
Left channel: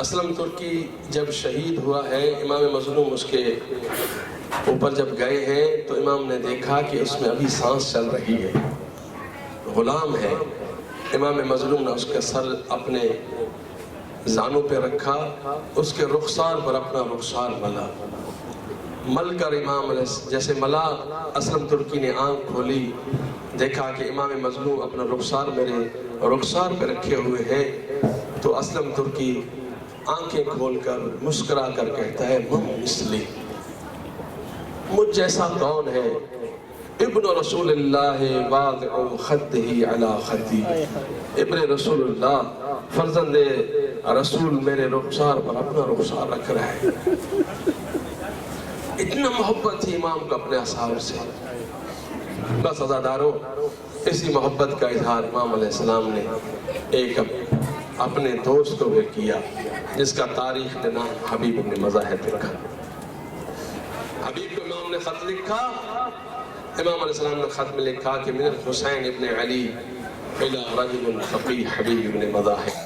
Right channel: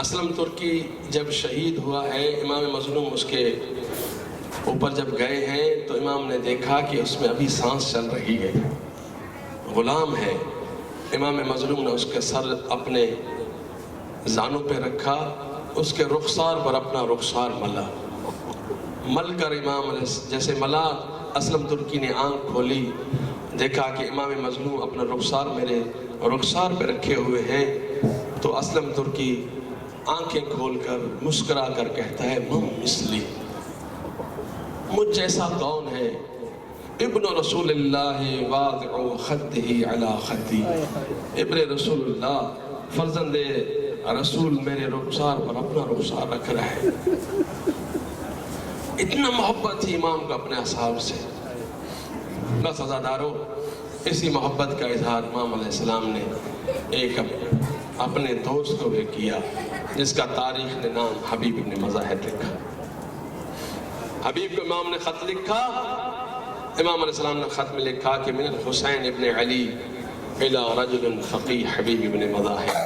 اسلم ترکی جب شہید ہوا ہے، امام مظلوم اس کے اوپر جب گئے ہیں تو امام نے دیکھا کہ اس میں ابھی سانس چل رہی ہے، غلام ہے۔ امام مظلوم نے اس کے سر اپنے زانوں پہ رکھا، اس کے رخسار پر اپنا رخسار ملا، مل کر امام جیسے ملا، اسلم ترکی نے آنکھ کھولی، دیکھا کہ امام مظلوم اپنا رخسار میرے رخسار پہ رکھے ہوئے ہیں، تو اسلم ترکی آنکھیں کھول کر مسکرا کر کہتا ہے من مثلی، مجھ جیسا کون ہے؟ ابن رسول اللہ واضع خدہ علی خدی، ابن رسول اللہ فرزند رسول میرے رخسار پر اپنا رخسار رکھ رہا ہے۔ اتنا محبت تھی امام کو اپنے اصحاب سے۔ بس عزادارو، اسی محبت کا اظہار امام علیہ السلام نے ایک اپنے دوست کو بھی کیا، جس کا تاریخ نے نام حبیب ابن مزاحم لکھا۔ حبیب کو امام نے خط لکھا، امام علیہ السلام نے خط میں لکھا کہ من الحسین ابن علی الى رجل فقیہ حبیب ابن مزاحم،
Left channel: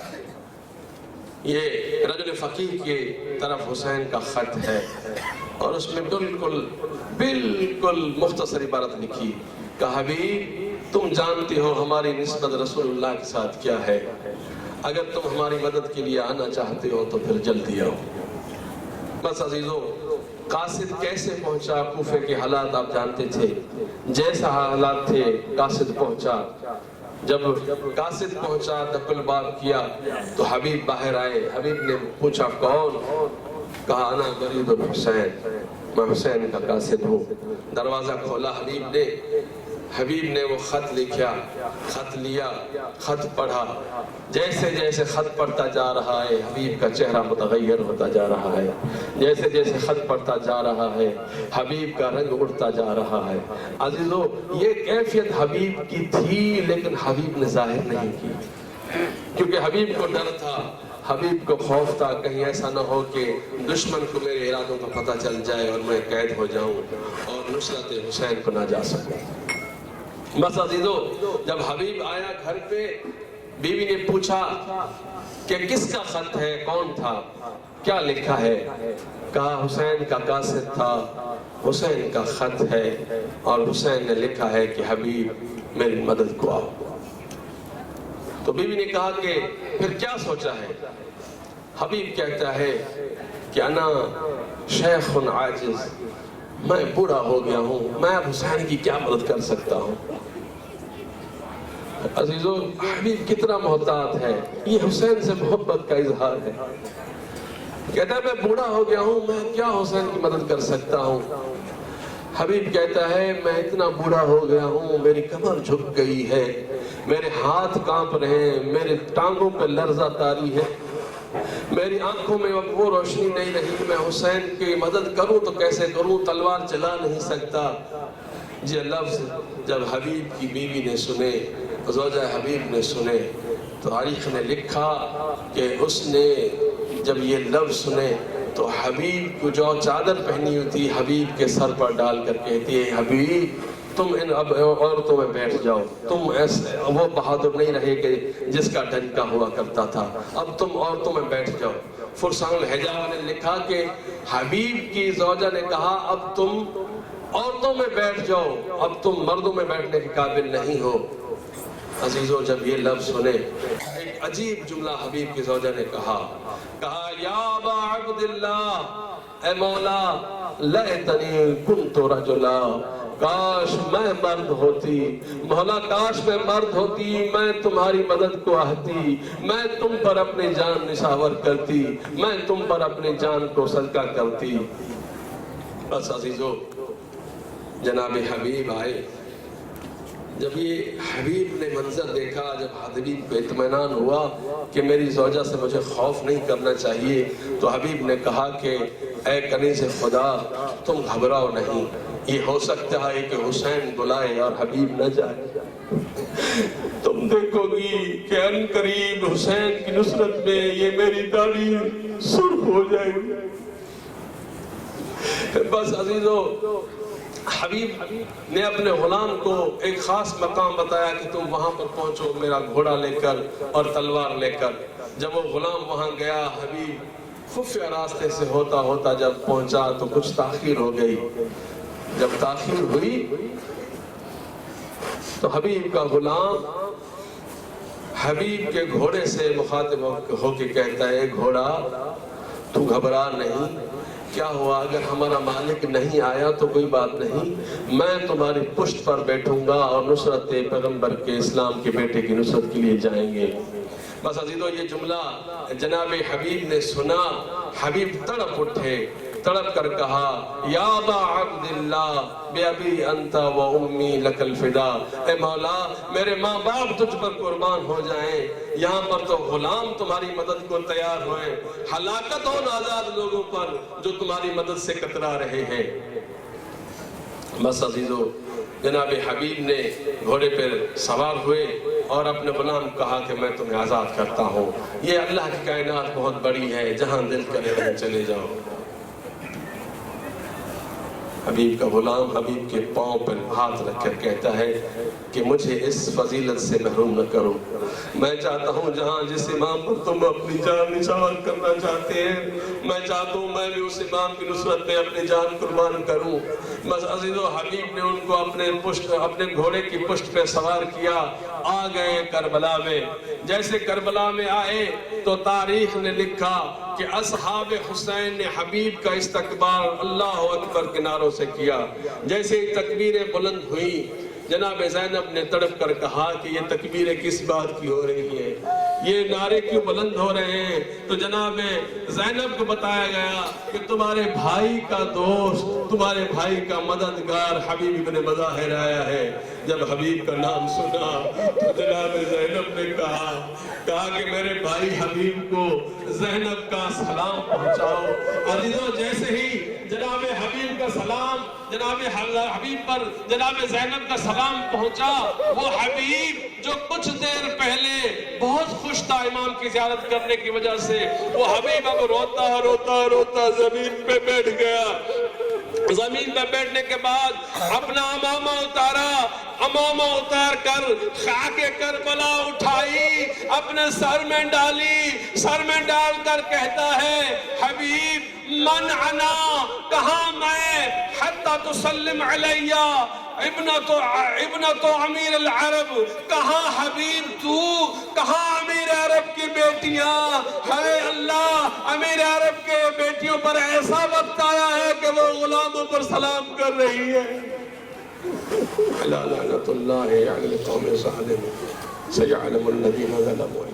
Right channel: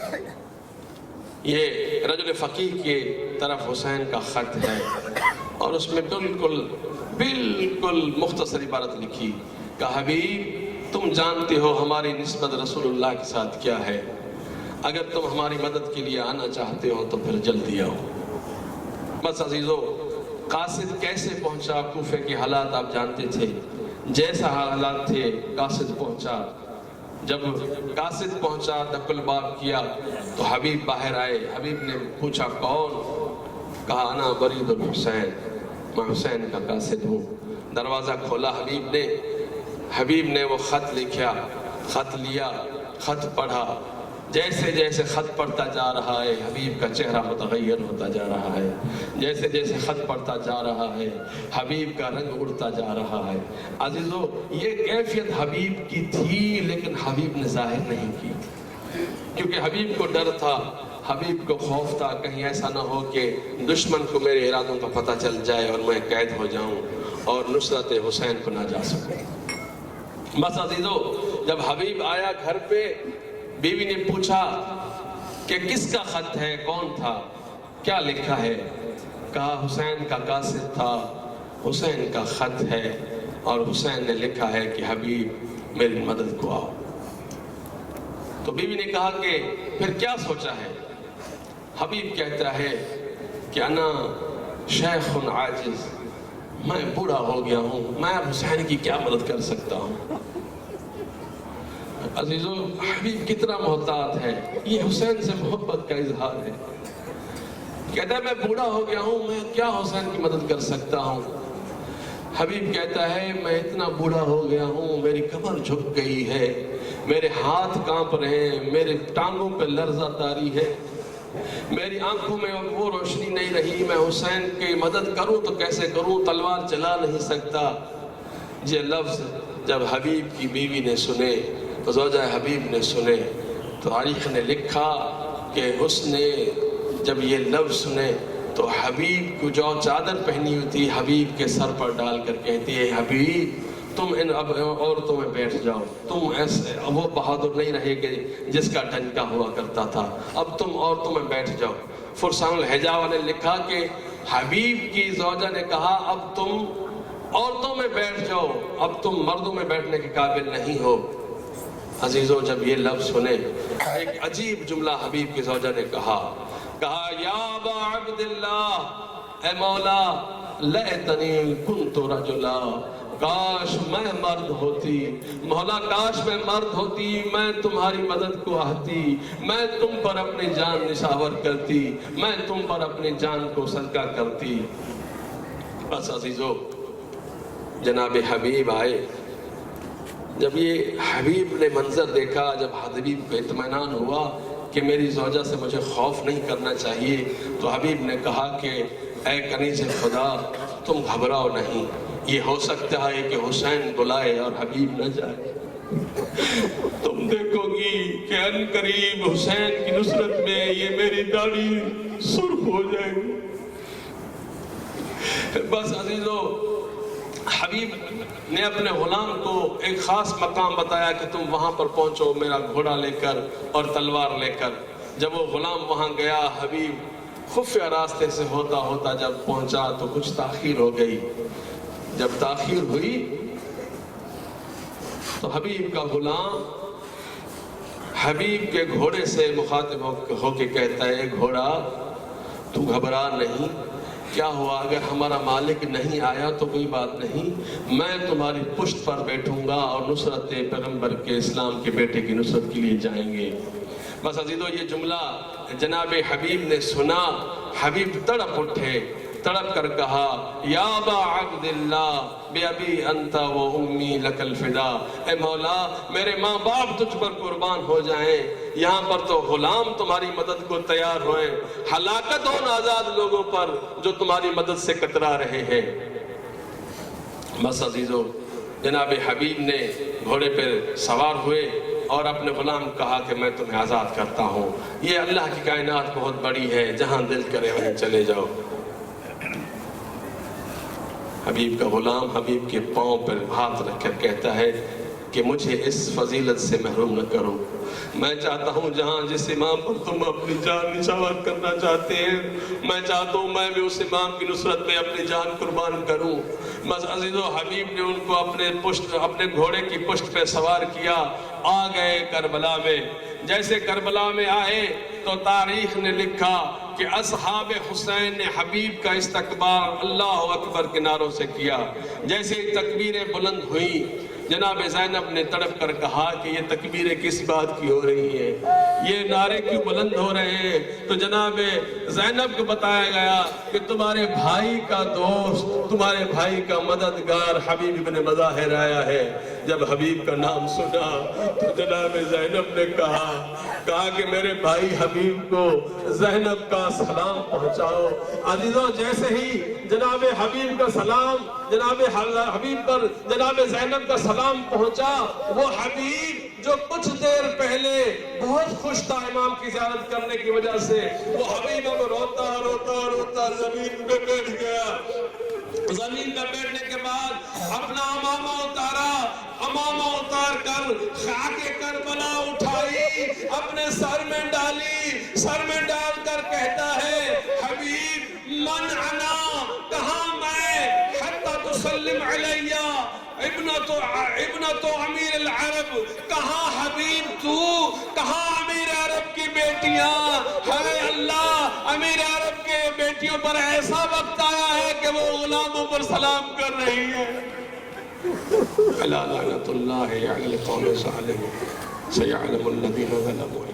یہ رجل فقیہ کی طرف حسین کا خط ہے، اور اس میں بالکل مختصر عبارت لکھی کہ حبیب تم جانتے ہو ہماری نسبت رسول اللہ کے ساتھ کیا ہے، اگر تم ہماری مدد کے لیے آنا چاہتے ہو تو پھر جلدی آؤ۔ بس عزیزو، قاصد کیسے پہنچا کوفے کے حالات آپ جانتے تھے، جیسا حالات تھے قاصد پہنچا۔ جب قاصد پہنچا دق الباب کیا تو حبیب باہر آئے، حبیب نے پوچھا کون؟ کہا انا برید الحسین، میں حسین کا قاصد ہوں۔ دروازہ کھولا حبیب نے وہ خط لکھا، خط لیا، خط پڑھا، جیسے جیسے خط پڑھتا جا رہا ہے حبیب کا چہرہ متغیر ہوتا جا رہا ہے، جیسے جیسے خط پڑھتا جا رہا ہے حبیب کا رنگ اڑتا جا رہا ہے۔ عزیزو، یہ کیفیت حبیب کی تھی لیکن حبیب نے ظاہر نہیں کی، کیونکہ حبیب کو ڈر تھا، حبیب کو خوف تھا کہیں ایسا نہ ہو کہ دشمن کو میرے ارادوں کا پتہ چل جائے اور میں قید ہو جاؤں اور نصرت حسین کو نہ جا سکوں۔ بس عزیزو، جب حبیب آیا گھر پہ، بیوی نے پوچھا کہ کس کا خط ہے، کون تھا، کیا لکھا ہے؟ کہا حسین کا قاصد تھا، حسین کا خط ہے اور حسین نے لکھا ہے کہ حبیب میری مدد کو آؤ۔ تو بیوی نے کہا کہ پھر کیا سوچا ہے؟ حبیب کہتا ہے کہ انا شیخ عاجز، میں بوڑھا ہو گیا ہوں، میں اب حسین کی کیا مدد کر سکتا ہوں۔ عزیزو، حبیب کتنا محتاط ہے، یہ حسین سے محبت کا اظہار ہے۔ کہتا ہے میں بوڑھا ہو گیا ہوں، میں کیا حسین کی مدد کر سکتا ہوں۔ حبیب کہتا ہے میں اتنا بوڑھا ہو گیا ہوں، میری کمر جھک گئی ہے، میرے ہاتھ کانپ رہے ہیں، میرے ٹانگوں پہ لرزہ طاری ہے، میری آنکھوں میں اب وہ روشنی نہیں رہی، میں حسین کی مدد کروں تو کیسے کروں، تلوار چلا نہیں سکتا۔ یہ لفظ جب حبیب کی بیوی نے سنے، زوجہ حبیب نے سنے، تو تاریخ نے لکھا کہ اس نے جب یہ لفظ سنے تو حبیب کو جو چادر پہنی ہوئی تھی حبیب کے سر پر ڈال کر کہتی ہے حبیب تم ان اب عورتوں میں بیٹھ جاؤ، تم ایسے وہ بہادر نہیں رہے کہ جس کا ڈنکا ہوا کرتا تھا، اب تم عورتوں میں بیٹھ جاؤ۔ فرسان الحجاوہ نے لکھا کہ حبیب کی زوجہ نے کہا اب تم عورتوں میں بیٹھ جاؤ، اب تم مردوں میں بیٹھنے کے قابل نہیں ہو۔ عزیزو، جب یہ لفظ سنے ایک عجیب جملہ حبیب کی زوجہ نے کہا یا ابا عبداللہ، اے مولا لیتنی کنت رجلا، کاش میں مرد ہوتی، مولا کاش میں مرد ہوتی، میں تمہاری مدد کو آتی، میں تم پر اپنی جان نشاور کرتی، میں تم پر اپنی جان کو صدقہ کرتی۔ بس عزیزو، جناب حبیب آئے، جب یہ حبیب نے منظر دیکھا، جب حبیب کو اطمینان ہوا کہ میری زوجہ سے مجھے خوف نہیں کرنا چاہیے، تو حبیب نے کہا کہ اے کنیز خدا تم گھبراؤ نہیں، یہ ہو سکتا ہے کہ حسین بلائے اور حبیب نہ جائے، تم دیکھو گی کہ ان قریب حسین کی نصرت میں یہ میری داڑھی سرخ ہو جائے گی۔ بس عزیزو، حبیب نے اپنے غلام کو ایک خاص مقام بتایا کہ تم وہاں پر پہنچو میرا گھوڑا لے کر اور تلوار لے کر۔ جب وہ غلام وہاں گیا، حبیب خفیہ راستے سے ہوتا ہوتا جب پہنچا تو کچھ تاخیر ہو گئی۔ جب تاخیر ہوئی تو حبیب کا غلام حبیب کے گھوڑے سے مخاطب ہو کے کہتا ہے گھوڑا تو گھبرا نہیں، کیا ہوا اگر ہمارا مالک نہیں آیا تو کوئی بات نہیں، میں تمہاری پشت پر بیٹھوں گا اور نصرت پیغمبر کے اسلام کے بیٹے کی نصرت کے لیے جائیں گے۔ بس عزیزو یہ جملہ جناب حبیب نے سنا، حبیب تڑپ اٹھے، تڑپ کر کہا یا ابا عبداللہ بِأَبِي أَنْتَ وَأُمِّي لَكَ الْفِدَا، اے مولا میرے ماں باپ تجھ پر قربان ہو جائیں، یہاں پر تو غلام تمہاری مدد کو تیار ہوئے، ہلاکت ہو نازاد لوگوں پر جو تمہاری مدد سے کترا رہے ہیں۔ بس عزیزو جناب حبیب نے گھوڑے پر سوار ہوئے اور اپنے غلام کہا کہ میں تمہیں آزاد کرتا ہوں، یہ اللہ کی کائنات بہت بڑی ہے، جہاں دل کرے وہیں چلے جاؤ۔ حبیب کا غلام حبیب کے پاؤں پر ہاتھ رکھ کر کہتا ہے کہ مجھے اس فضیلت سے محروم نہ کرو، میں چاہتا ہوں جہاں جس امام پر تم اپنی جان نچھاور کرنا چاہتے ہیں، میں چاہتا ہوں میں بھی اس امام کی نصرت میں اپنی جان قربان کروں۔ بس عزیزو حبیب نے ان کو اپنے گھوڑے کی پشت پہ سوار کیا، آ گئے کربلا میں۔ جیسے کربلا میں آئے تو تاریخ نے لکھا کہ اصحاب حسین نے حبیب کا استقبال اللہ اکبر کے نعروں سے کیا۔ جیسے ہی تکبیریں بلند ہوئی، جناب زینب نے تڑپ کر کہا کہ یہ تکبیریں کس بات کی ہو رہی ہیں، یہ نعرے کیوں بلند ہو رہے ہیں؟ تو جناب زینب کو بتایا گیا کہ تمہارے بھائی کا دوست، تمہارے بھائی کا مددگار حبیب ابن مظاہر آیا ہے۔ جب حبیب کا نام سنا تو جناب زینب نے کہا کہ میرے بھائی حبیب کو زینب کا سلام پہنچاؤ۔ عزیزوں جیسے ہی جناب حبیب کا سلام جناب حبیب پر جناب زینب کا سلام پہنچا، وہ حبیب جو کچھ دیر پہلے بہت خوش تھا امام کی زیارت کرنے کی وجہ سے، وہ حبیب اب روتا روتا روتا زمین پہ بیٹھ گیا۔ زمین پہ بیٹھنے کے بعد اپنا امامہ اتارا، امامہ اتار کر خاک کربلا اٹھائی، اپنے سر میں ڈالی، سر میں ڈال کر کہتا ہے حبیب من انا، کہاں میں، حتی تسلم علیہ ابنت امیر العرب، کہاں حبیب تو، کہاں امیر عرب کی بیٹیاں؟ ہائے اللہ، امیر عرب کے بیٹیوں پر ایسا وقت آیا ہے کہ وہ غلاموں پر سلام کر رہی ہے۔ لعنت اللہ علی القوم الظالمین، سیعلم الذین ظلموا